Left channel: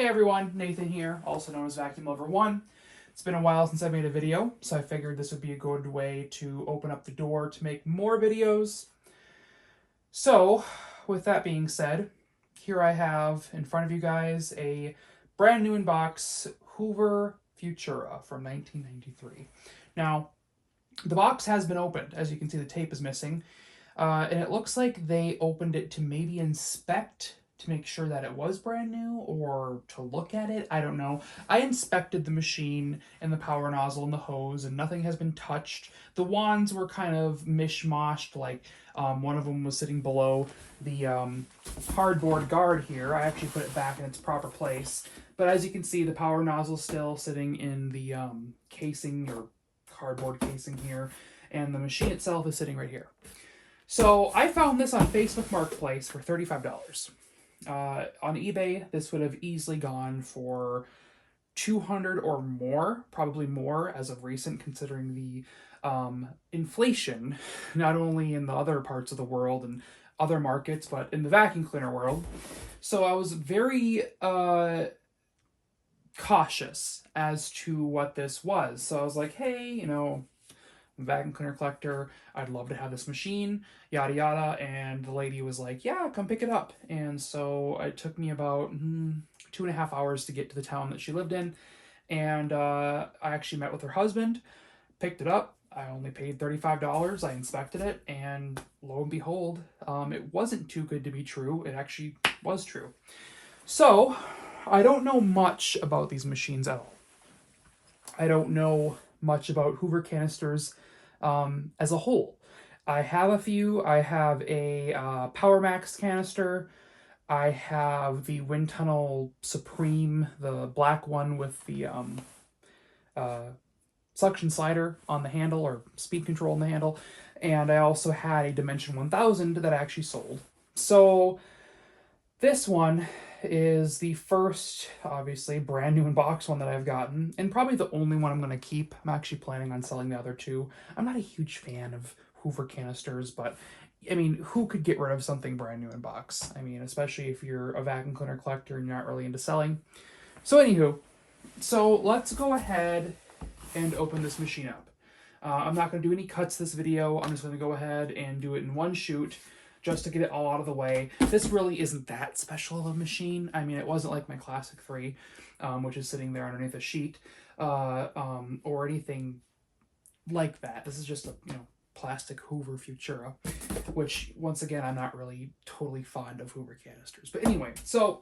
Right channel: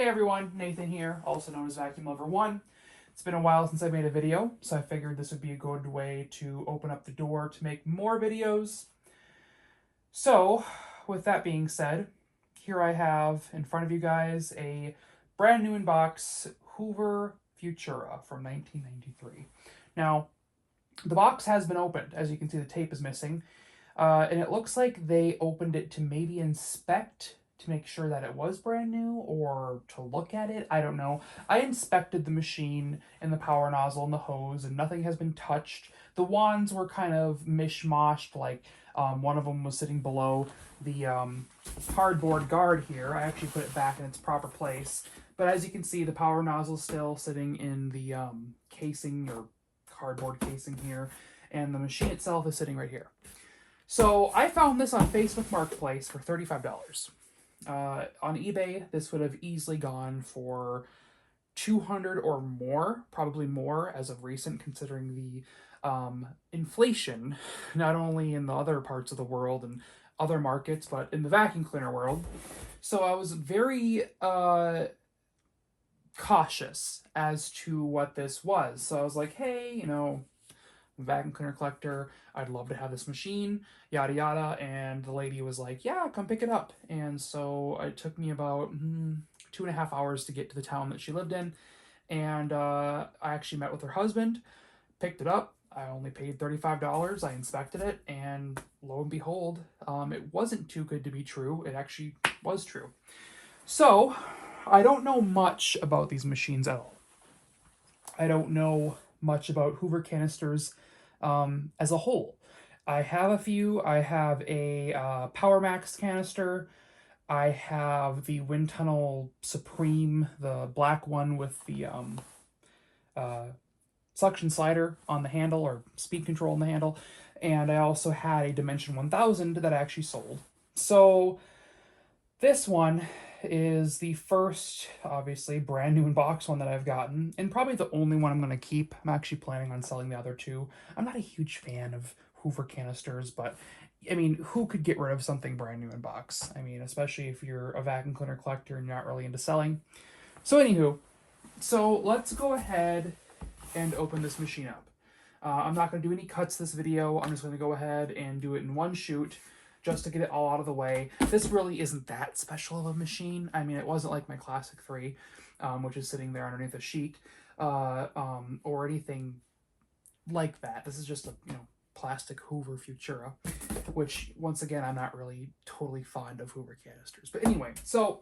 Hey everyone, Nathan here, also known as Vacuum Lover 1. It's been a while since I made a video, so I figured this would be a good way to open up the door to make more videos. So, with that being said, here I have in front of you guys a brand new in box Hoover Futura from 1993. Now, the box has been opened. As you can see, the tape is missing. And it looks like they opened it to maybe inspect to make sure that it was brand new or to look at it. I don't know. I inspected the machine and the power nozzle and the hose and nothing has been touched. The wands were kind of mishmashed, like one of them was sitting below the cardboard guard here. I actually put it back in its proper place. But as you can see, the power nozzle is still sitting in the casing or cardboard casing here. And the machine itself is sitting right here. So I found this on Facebook Marketplace for $35. On eBay, this would have easily gone for $200 or more, probably more as of recent, considering the inflation, not only in the other parts of the world and other markets, but in the vacuum cleaner world. So I was very cautious as to what this was. So I was like, hey, you know, vacuum cleaner collector, I'd love to have this machine, yada yada. And the lady was like, yeah, come pick it up. And so it took me about 2.5 hours to get to the town that she lived in. And I actually met with her husband, picked it up. I only paid $35. I inspected it, and lo and behold, it wasn't too good to be true. It actually was true. So I don't know much about these machines at all. I don't know much about Hoover canisters as a whole. I have a few. I have a Power Max canister. I have the Wind Tunnel Supreme, the black one with the suction slider on the handle, or speed control on the handle. And I also had a Dimension 1000 that I actually sold. So this one is the first, obviously, brand new in box one that I've gotten, and probably the only one I'm going to keep. I'm actually planning on selling the other two. I'm not a huge fan of Hoover canisters, but I mean, who could get rid of something brand new in box? I mean, especially if you're a vacuum cleaner collector and you're not really into selling. So anywho, so let's go ahead and open this machine up. I'm not going to do any cuts this video. I'm just going to go ahead and do it in one shoot, just to get it all out of the way. This really isn't that special of a machine. I mean, it wasn't like my Classic 3, which is sitting there underneath a sheet, or anything like that. This is just a, plastic Hoover Futura, which, once again, I'm not really totally fond of Hoover canisters. But anyway, so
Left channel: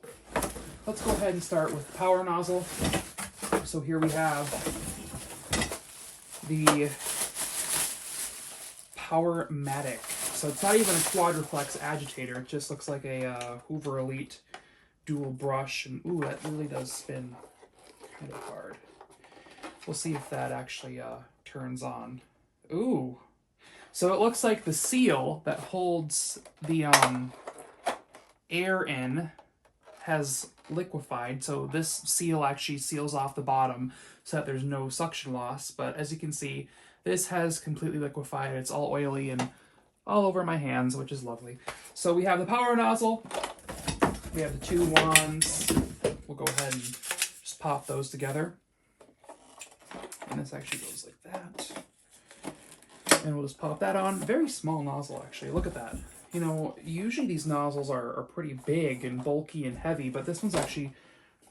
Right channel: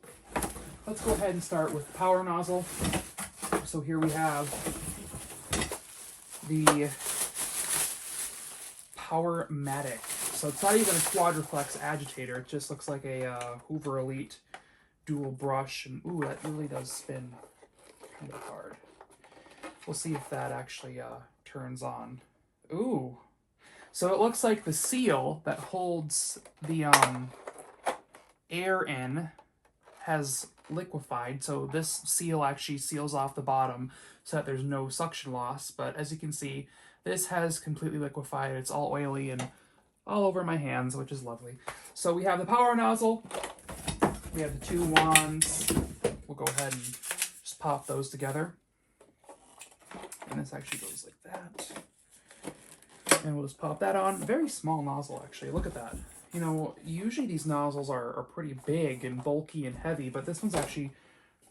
let's go ahead and start with the power nozzle. So here we have the Powermatic. So it's not even a Quadriflex agitator. It just looks like a Hoover Elite dual brush. And ooh, that really does spin kind of hard. We'll see if that actually turns on. Ooh. So it looks like the seal that holds the air in has liquefied. So this seal actually seals off the bottom so that there's no suction loss. But as you can see, this has completely liquefied. It's all oily and all over my hands, which is lovely. So we have the power nozzle. We have the two wands. We'll go ahead and just pop those together. And this actually goes like that. And we'll just pop that on. Very small nozzle, actually. Look at that. You know, usually these nozzles are pretty big and bulky and heavy, but this one's actually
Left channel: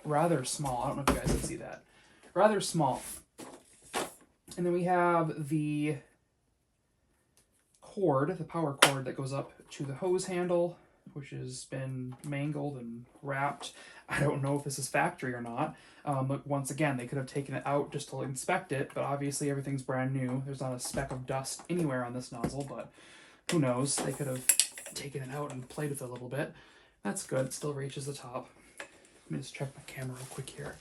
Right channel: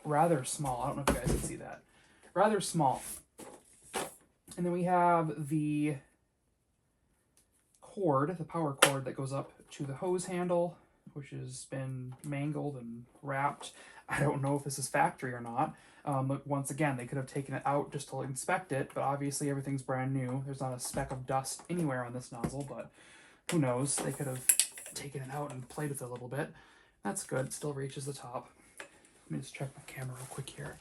rather small. I don't know if you guys can see that. Rather small. And then we have the cord, the power cord that goes up to the hose handle, which has been mangled and wrapped. I don't know if this is factory or not. But once again, they could have taken it out just to inspect it, but obviously everything's brand new. There's not a speck of dust anywhere on this nozzle, but who knows? They could have taken it out and played with it a little bit. That's good. It still reaches the top. Let me just check my camera real quick here.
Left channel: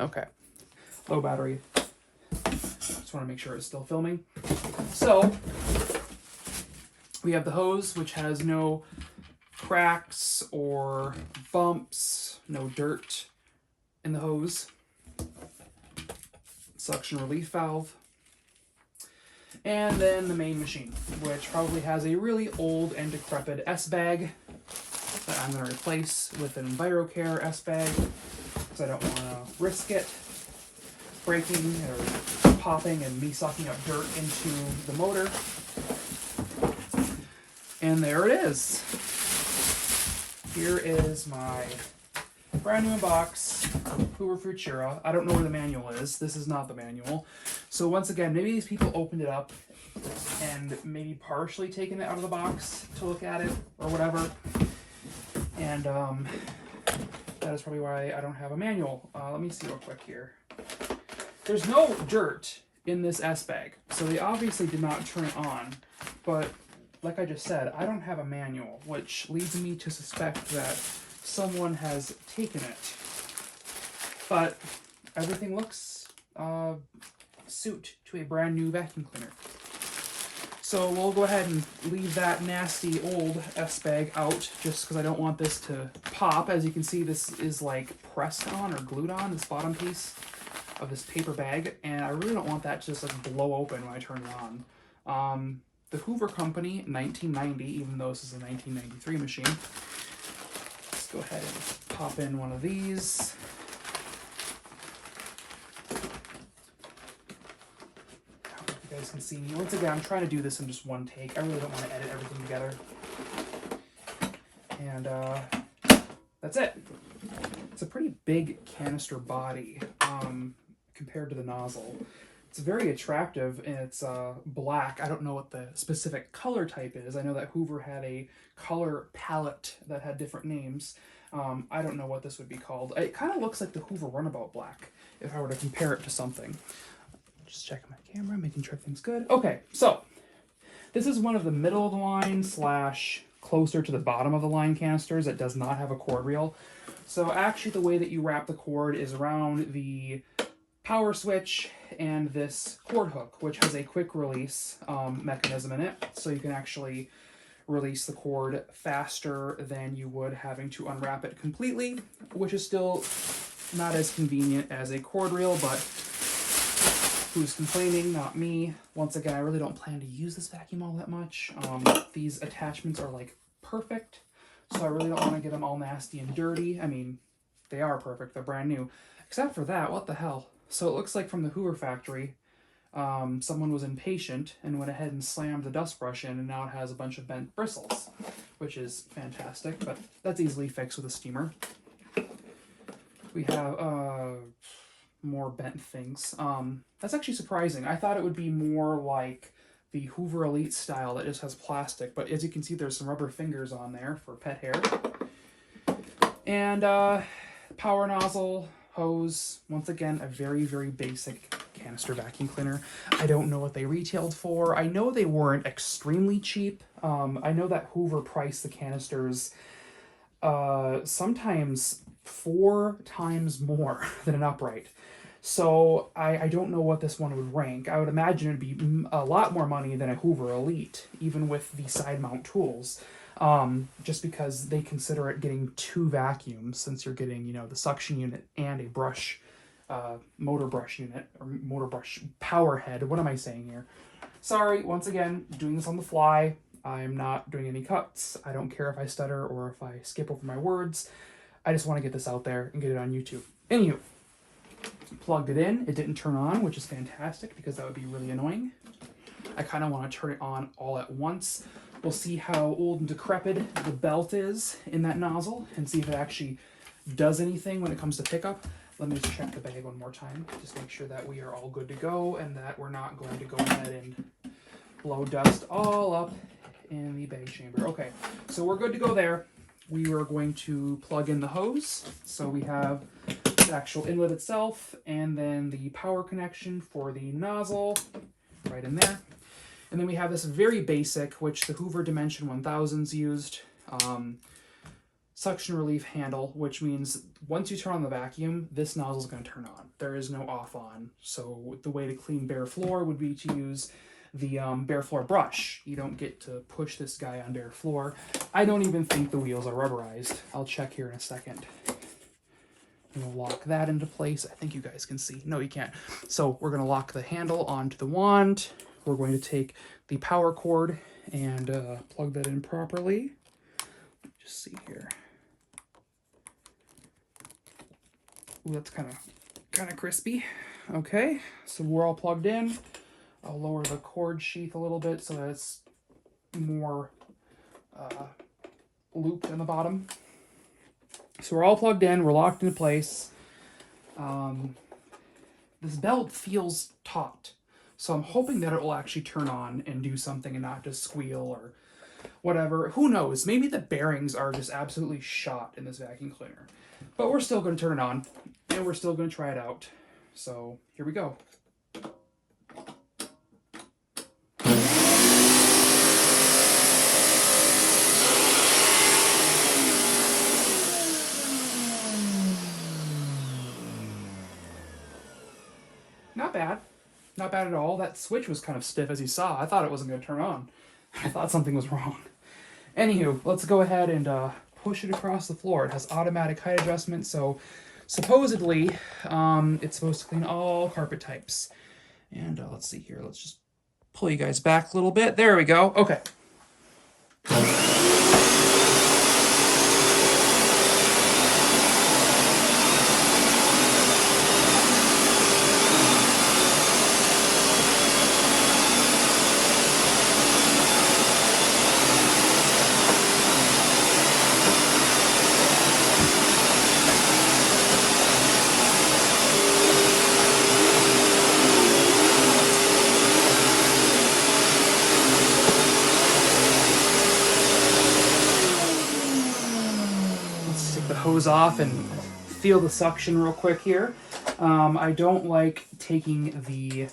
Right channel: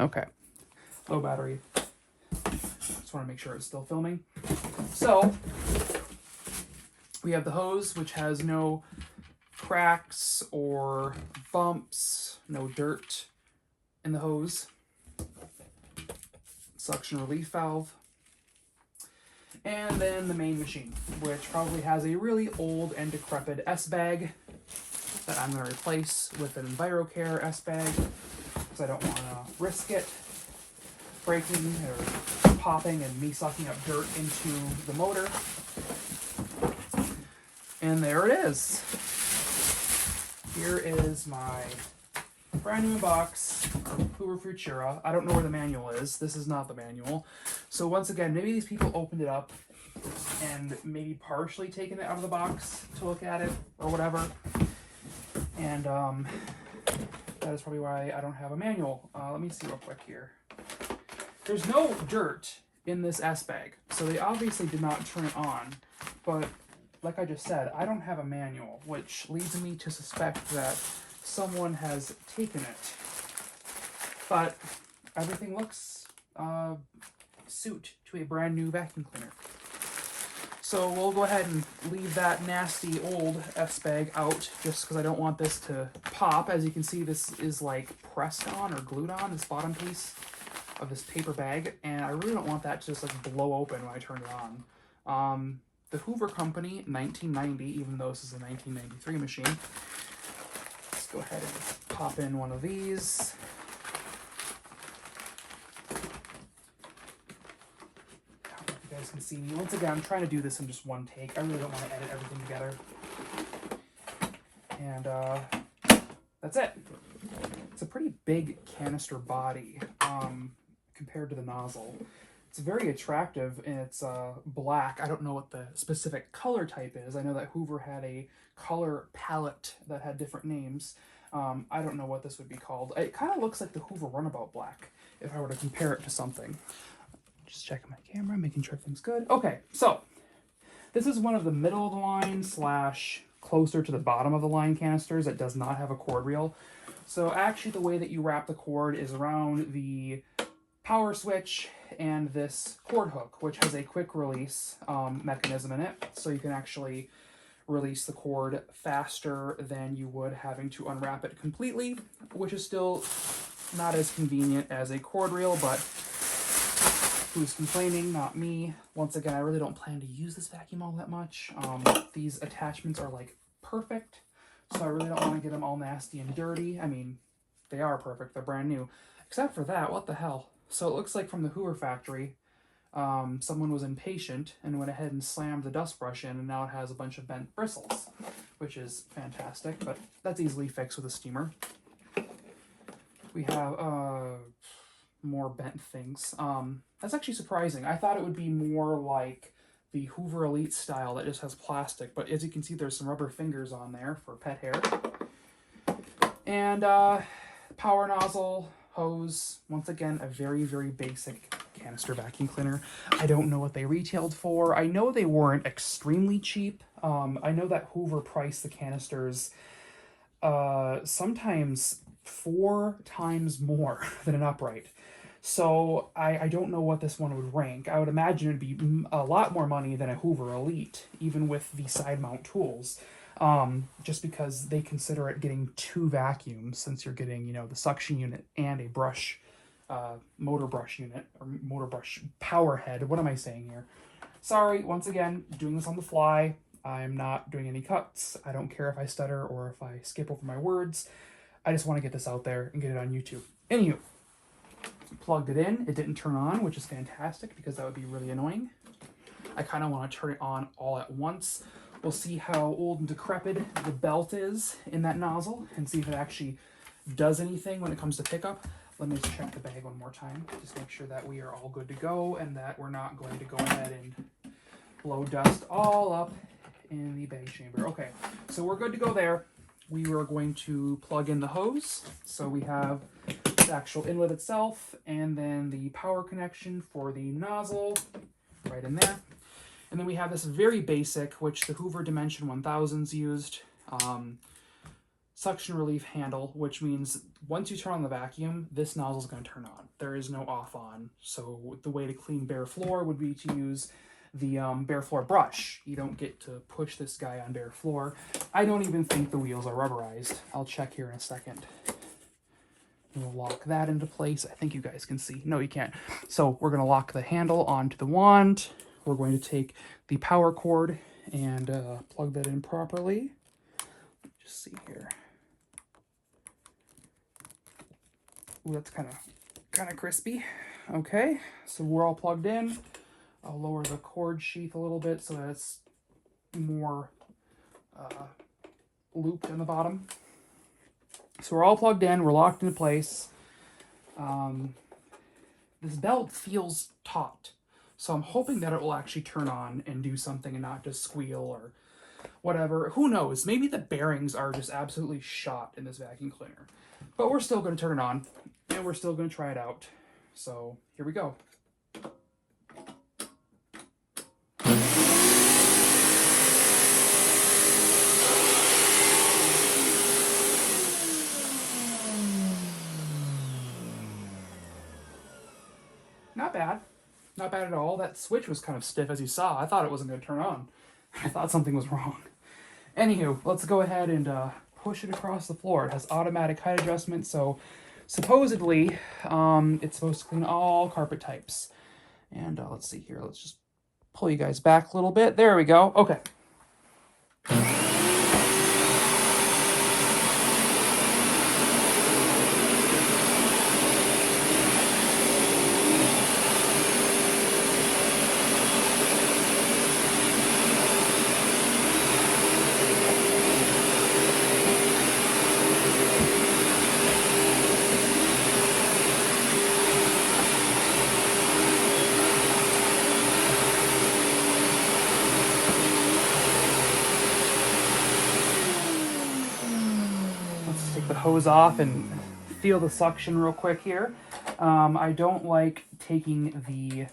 Okay. Low battery. Just want to make sure it's still filming. So we have the hose, which has no cracks or bumps, no dirt in the hose. Suction relief valve. And then the main machine, which probably has a really old and decrepit S-bag that I'm going to replace with an EnviroCare S-Bag, because I don't want to risk it breaking or popping and me sucking up dirt into the motor. And there it is. Here is my brand new box Hoover Futura. I don't know where the manual is. This is not the manual. So once again, maybe these people opened it up and maybe partially taken it out of the box to look at it or whatever. And that is probably why I don't have a manual. Let me see real quick here. There's no dirt in this S-Bag, so they obviously did not turn it on. But like I just said, I don't have a manual, which leads me to suspect that someone has taken it. But everything looks suit to a brand new vacuum cleaner. So we'll go ahead and leave that nasty old S-Bag out just because I don't want this to pop. As you can see, this is like pressed on or glued on, this bottom piece of this paper bag, and I really don't want that to just like blow open when I turn it on. The Hoover Company, 1990, even though this is a 1993 machine. Let's go ahead and pop in one of these. You guys can see me. Once again, I'm trying to do this in just one take. I really don't want to edit everything together. And that's it. It's a pretty big canister body compared to the nozzle. It's very attractive, and it's black. I don't know what the specific color type is. I know that Hoover had a color palette that had different names. I don't know what this would be called. It kind of looks like the Hoover Runabout Black, if I were to compare it to something. Just checking my camera, making sure everything's good. Okay, so this is one of the middle of the line / closer to the bottom of the line canisters that does not have a cord reel. So actually the way that you wrap the cord is around the power switch and this cord hook, which has a quick release mechanism in it. So you can actually release the cord faster than you would having to unwrap it completely, which is still not as convenient as a cord reel, but who's complaining? Not me. Once again, I really don't plan to use this vacuum all that much. These attachments are like perfect, so I really don't want to get them all nasty and dirty. I mean, they are perfect. They're brand new. Except for that, what the hell? So it looks like from the Hoover factory, someone was impatient and went ahead and slammed the dust brush in, and now it has a bunch of bent bristles, which is fantastic, but that's easily fixed with a steamer. We have more bent things. That's actually surprising. I thought it would be more like the Hoover Elite style that just has plastic, but as you can see, there's some rubber fingers on there for pet hair. And power nozzle, hose, once again, a very, very basic canister vacuum cleaner. I don't know what they retailed for. I know they weren't extremely cheap. I know that Hoover priced the canisters sometimes 4 times more than an upright. So I don't know what this one would rank. I would imagine it'd be a lot more money than a Hoover Elite, even with the side mount tools. Just because they consider it getting 2 vacuums, since you're getting, you know, the suction unit and a brush, motor brush unit, or motor brush power head. What am I saying here? Sorry, once again, doing this on the fly. I'm not doing any cuts. I don't care if I stutter or if I skip over my words. I just want to get this out there and get it on YouTube. Anywho, plugged it in. It didn't turn on, which is fantastic because that would be really annoying. I kind of want to turn it on all at once. We'll see how old and decrepit the belt is in that nozzle and see if it actually does anything when it comes to pickup. Let me just check the bag one more time. Just make sure that we are all good to go and that we're not going to go ahead and blow dust all up in the bag chamber. Okay, so we're good to go there. We are going to plug in the hose. So we have the actual inlet itself and then the power connection for the nozzle right in there. And then we have this very basic, which the Hoover Dimension 1000s used, suction relief handle, which means once you turn on the vacuum, this nozzle is going to turn on. There is no off on. So the way to clean bare floor would be to use the bare floor brush. You don't get to push this guy on bare floor. I don't even think the wheels are rubberized. I'll check here in a second. We'll lock that into place. I think you guys can see. No, you can't. So we're going to lock the handle onto the wand. We're going to take the power cord and plug that in properly. just see here. Ooh, that's kind of crispy. Okay, so we're all plugged in. I'll lower the cord sheath a little bit so that it's more looped in the bottom. So we're all plugged in, we're locked into place. This belt feels taut, so I'm hoping that it will actually turn on and do something and not just squeal or whatever. Who knows? Maybe the bearings are just absolutely shot in this vacuum cleaner. But we're still going to turn it on, and we're still going to try it out. So here we go. Not bad. Not bad at all. That switch was kind of stiff, as you saw. I thought it wasn't going to turn on. I thought something was wrong. Anywho, let's go ahead and push it across the floor. It has automatic height adjustment, so supposedly it's supposed to clean all carpet types. And let's see here. Let's just pull you guys back a little bit. There we go. Okay. The hose off and feel the suction real quick here. I don't like taking the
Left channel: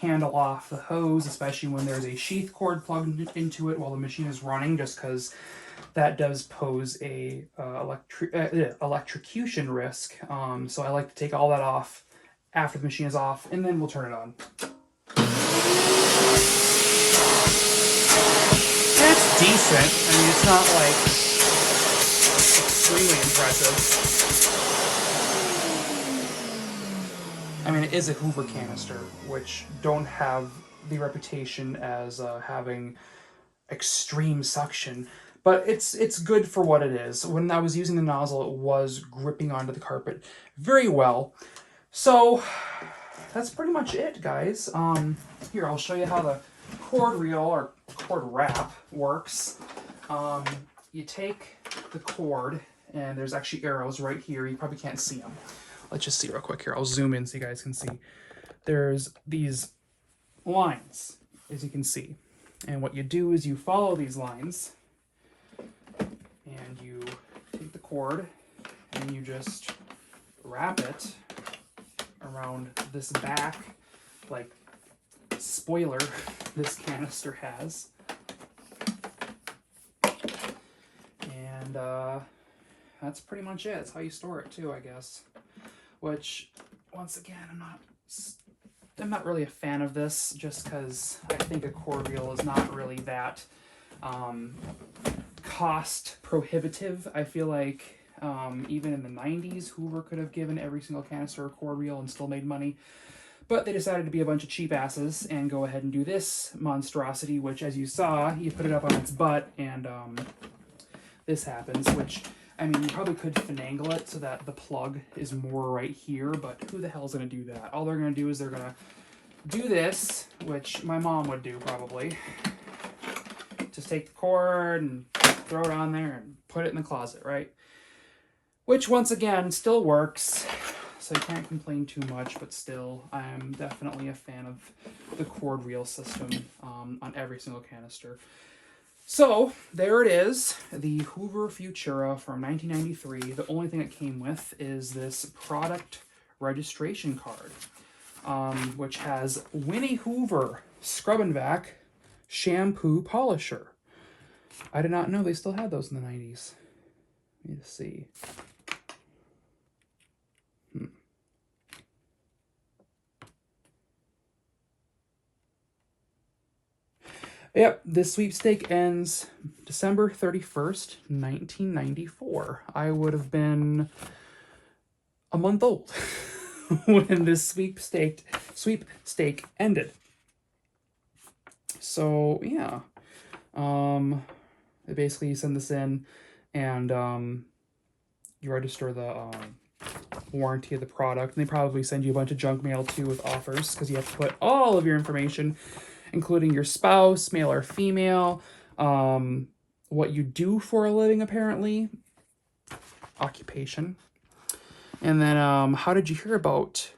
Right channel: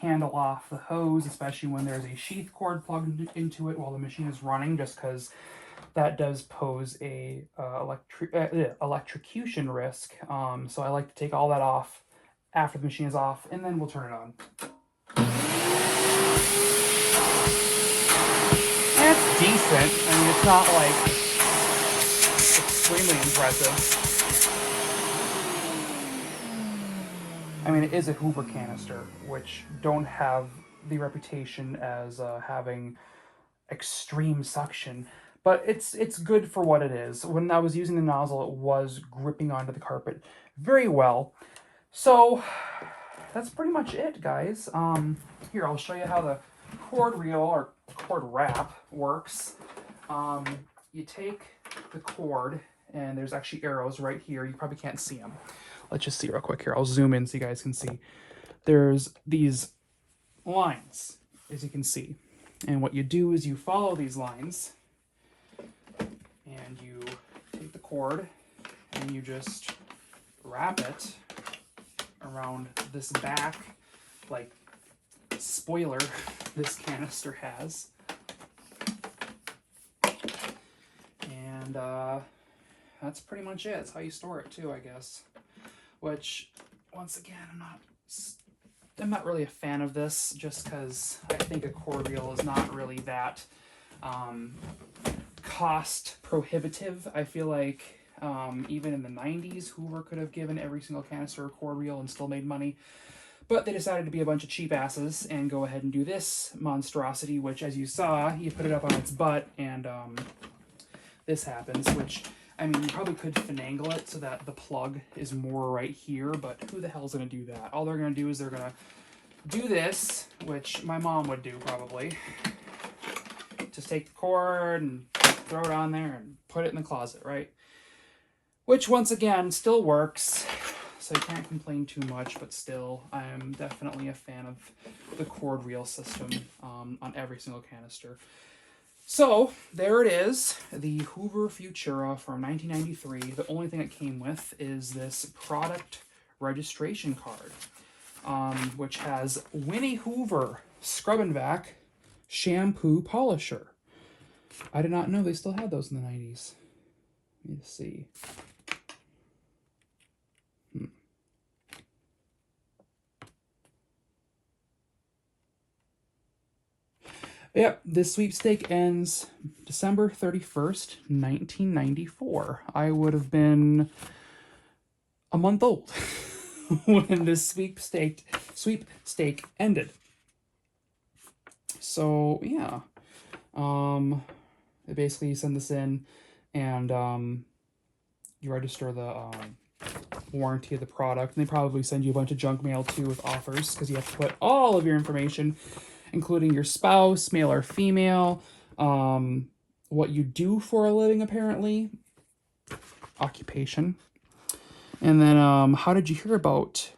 handle off the hose, especially when there's a sheath cord plugged into it while the machine is running, just because that does pose a electrocution risk. So I like to take all that off after the machine is off, and then we'll turn it on. That's decent. I mean, it's not like extremely impressive. I mean, it is a Hoover canister, which don't have the reputation as having extreme suction, but it's good for what it is. When I was using the nozzle, it was gripping onto the carpet very well. So that's pretty much it, guys. Here, I'll show you how the cord reel or cord wrap works. You take the cord, and there's actually arrows right here. You probably can't see them. Let's just see real quick here. I'll zoom in so you guys can see. There's these lines, as you can see. And what you do is you follow these lines, and you take the cord, and you just wrap it around this back, like, spoiler this canister has. And that's pretty much it. That's how you store it too, I guess. Which, once again, I'm not really a fan of this, just because I think a cord reel is not really that cost prohibitive. I feel like even in the 90s, Hoover could have given every single canister a cord reel and still made money. But they decided to be a bunch of cheap asses and go ahead and do this monstrosity, which, as you saw, you put it up on its butt, and this happens, which, I mean, you probably could finagle it so that the plug is more right here, but who the hell's going to do that? All they're going to do is they're going to do this, which my mom would do probably. Just take the cord and throw it on there and put it in the closet, right? Which, once again, still works, so you can't complain too much, but still, I am definitely a fan of the cord reel system on every single canister. So, there it is, the Hoover Futura from 1993. The only thing it came with is this product registration card, which has Winnie Hoover Scrub and Vac Shampoo Polisher. I did not know they still had those in the 90s. Let me see. Yep, this sweepstake ends December 31st, 1994. I would have been a month old when this sweepstake ended. So, yeah. They basically send this in. and you register the warranty of the product, and they probably send you a bunch of junk mail too with offers, because you have to put all of your information, including your spouse, male or female, what you do for a living, apparently, occupation, and then how did you hear about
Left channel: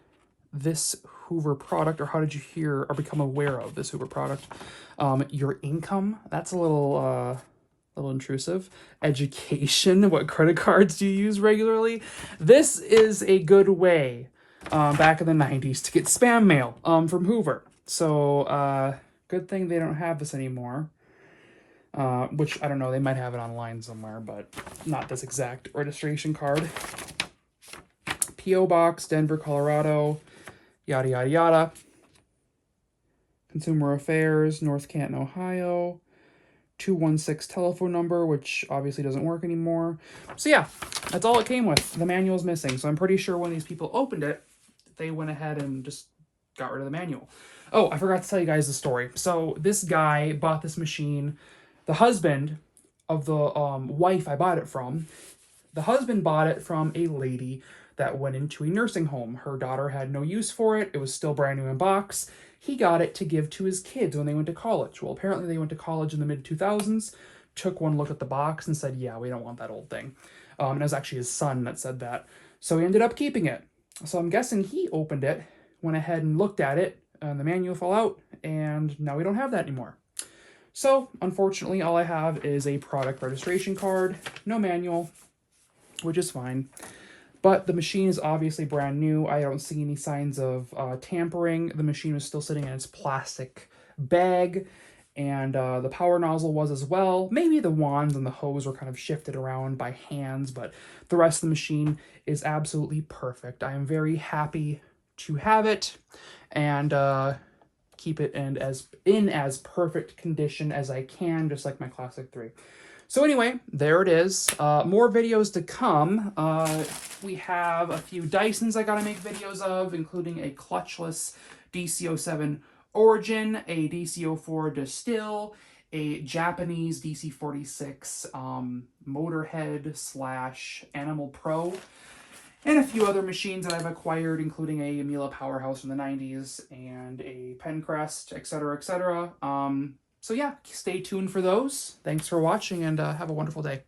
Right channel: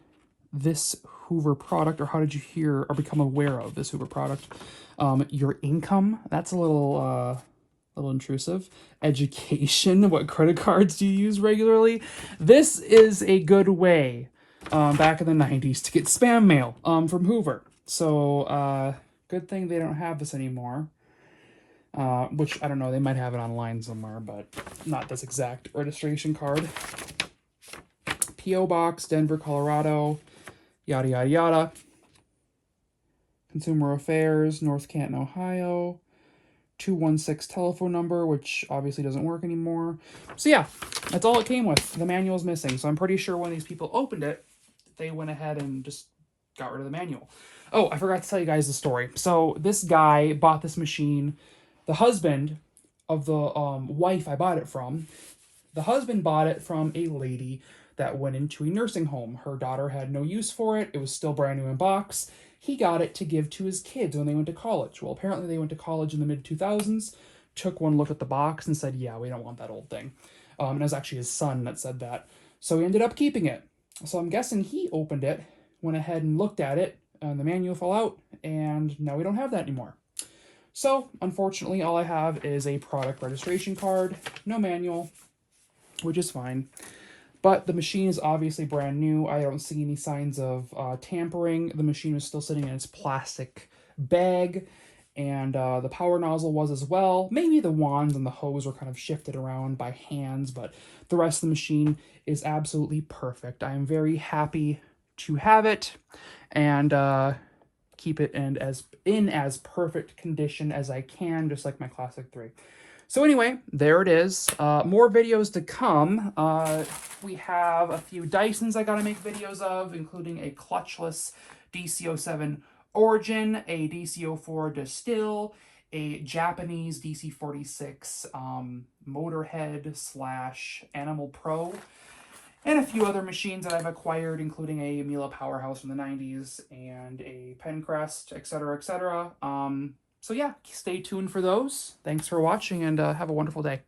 this Hoover product, or how did you hear or become aware of this Hoover product? Your income, that's a little intrusive. Education, what credit cards do you use regularly? This is a good way back in the 90s to get spam mail from Hoover. So good thing they don't have this anymore. Which, I don't know, they might have it online somewhere, but not this exact registration card. P.O. Box, Denver, Colorado, yada, yada, yada. Consumer Affairs, North Canton, Ohio. 216 telephone number, which obviously doesn't work anymore. So yeah, that's all it came with. The manual is missing. So I'm pretty sure when these people opened it, they went ahead and just got rid of the manual. Oh, I forgot to tell you guys the story. So this guy bought this machine. The husband of the wife I bought it from, the husband bought it from a lady that went into a nursing home. Her daughter had no use for it. It was still brand new in box. He got it to give to his kids when they went to college. Well, apparently they went to college in the mid-2000s, took one look at the box and said, yeah, we don't want that old thing. And it was actually his son that said that. So he ended up keeping it. So I'm guessing he opened it, went ahead and looked at it, and the manual fell out, and now we don't have that anymore. So, unfortunately, all I have is a product registration card, no manual, which is fine. But the machine is obviously brand new. I don't see any signs of tampering. The machine was still sitting in its plastic bag, and the power nozzle was as well. Maybe the wands and the hose were kind of shifted around by hands, but the rest of the machine is absolutely perfect. I am very happy to have it, and keep it in as perfect condition as I can, just like my Classic 3. So anyway, there it is. More videos to come. We have a few Dysons I gotta make videos of, including a clutchless DC-07 Origin, a DC-04 Distill, a Japanese DC-46 Motorhead / Animal Pro, and a few other machines that I've acquired, including a Miele Powerhouse from the 90s and a Pencrest, etc., etc. So yeah, stay tuned for those. Thanks for watching, and have a wonderful day.